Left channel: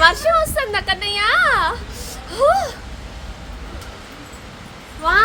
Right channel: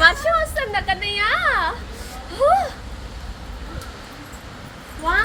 వర్షం వస్తుంది కన్నయ్య. వా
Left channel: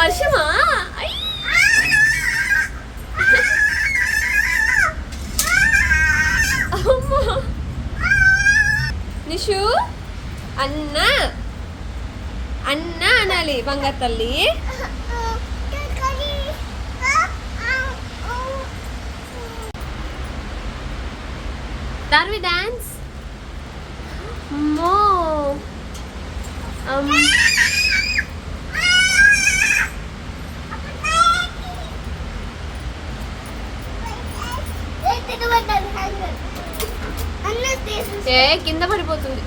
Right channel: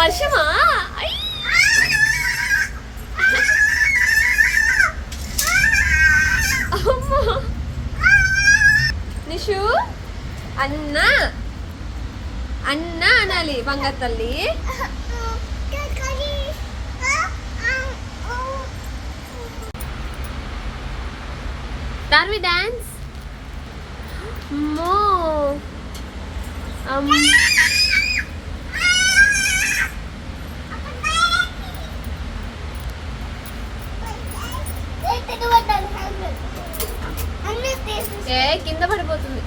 వర్షమా? నిషు! అన్న! అన్న అనాలి బంగారు తల్లి. దార్వి డాన్స్. మో అమ్ ఏ కింద పడిపోతుంది.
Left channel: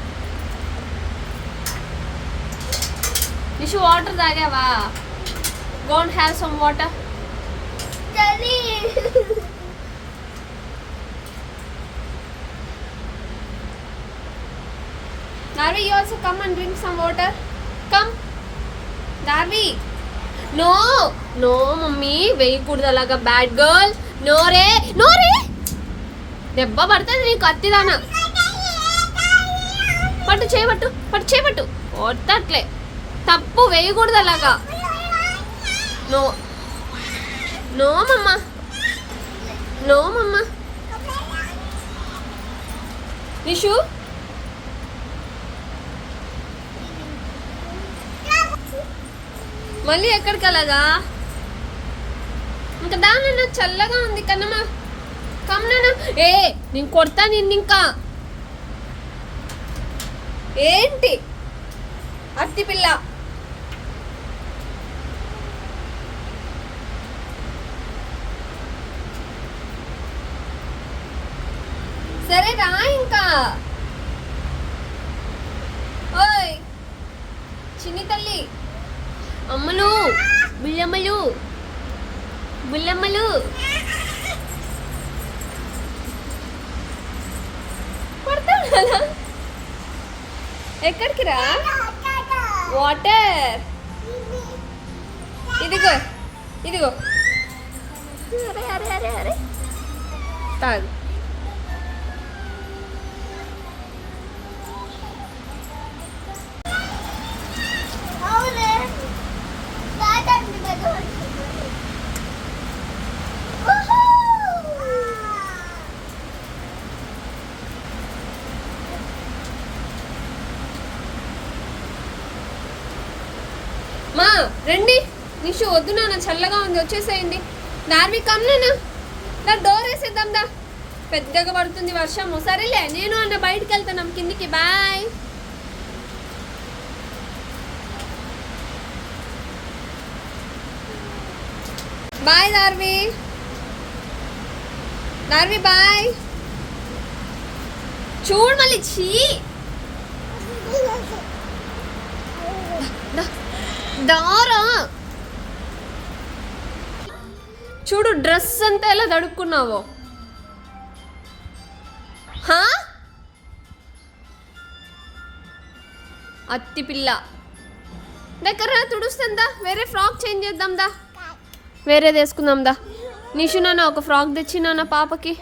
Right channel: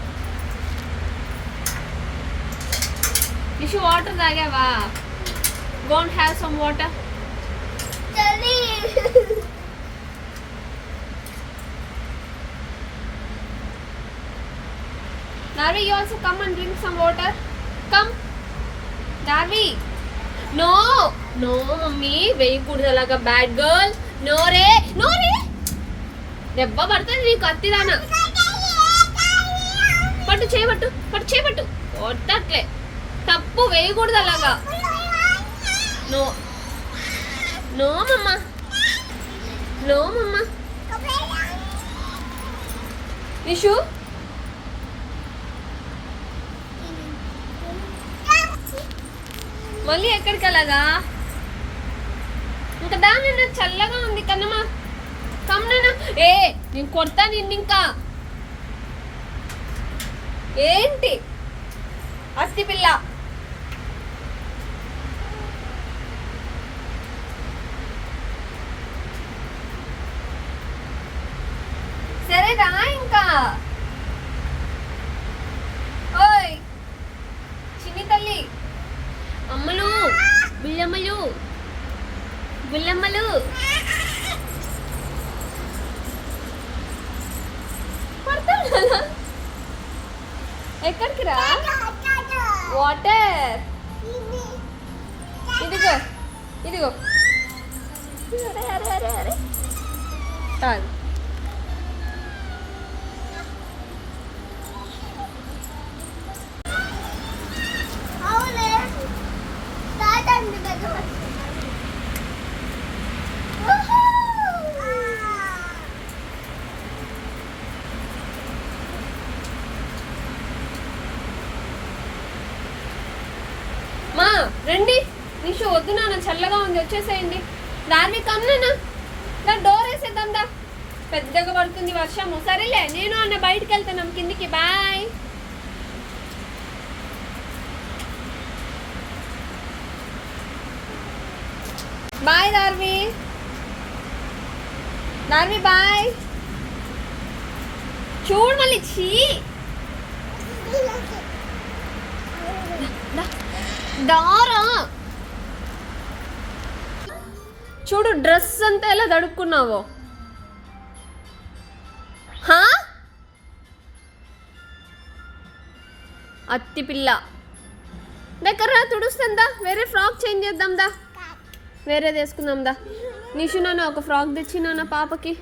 Nishu water తాగావా? Go and have some water Narvi, you also come and drink some water. Come. Narvi. No. No, mummy వేయకూడదు అలాగా. బ్యాడ్ గర్ల్ నో రే నో రే దెబ్బ పడుతుంది నీకు అత్తిదానా పట్టు చేయబట్టు పట్టు చేయబట్టు. కొట్టట్లే. తప్పు వేయకూడదు అలాగా. నో. నో మమ్మ. నో మమ్మ. నిషు. మళ్ళీ ఎక్కడికి అలాగా? ఇంకా దాని చల్లగా ఉంది కన్నమ్మా. కమ్మనా ఏ నేను కొడతా నిన్ను ఇంకా. ఏంటి? అత్తి పిల్ల. సరే రా ఇంకా? ఓయ్ చిన్ని తల్లి. అమ్మలు బుల్లమ్మలు బుల్లమ్మలు పడతాను కదా ఎక్కడికి రా? వాటర్. ఇదిగో ఇదిగో. అరే అరే అరే. తాగు. మా రండి. నిషు వద్దు నాన్న చల్లగా ఉంది వచ్చేసేయండి. నార్వి కమ్నా నా డోర్ వేసేద్దాం దా. పెద్దగా పడుతుంది వర్షము. సరేలే నేను అన్న బయటికి వెళ్తాను కిందికి. Bye bye Darvi Darvi bye చూడు మళ్ళీ చీ. దారా. చూడు డ్రెస్ అంతా ఎలా తడుక్కున్నావో హా? అత్తి పిల్ల. దగ్గర తుడుస్తుందా? వేరే ఫ్రాక్ చేంజ్ చేద్దాం దా. వేరేది వేసుకుందాం దా. నిషు నాన్న ఒక ఫ్రాక్ తెచ్చినా పాపకి.